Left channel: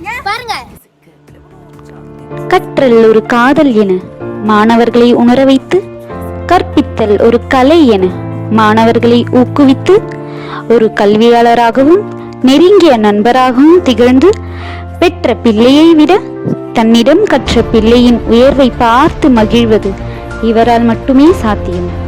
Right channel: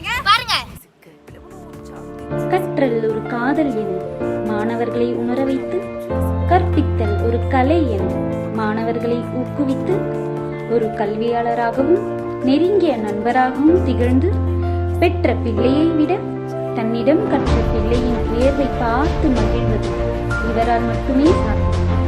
பாருங்க. கற்றல் ஒரு காதல் என மாணவர்களை உணர வைத்து, கற்பித்தல் ஒரு கலை என மாணவர்களை ஊக்குவித்து, ஒரு கல்வியாளராகவும் நெருங்கிய நண்பராகவும் திகழ்ந்து, பெற்ற பிள்ளையை விட தன்னிடம் கற்ற பிள்ளையின் உயர்வை பார்த்து மகிழ்வது இவரால் மட்டுமே சாத்தியம்.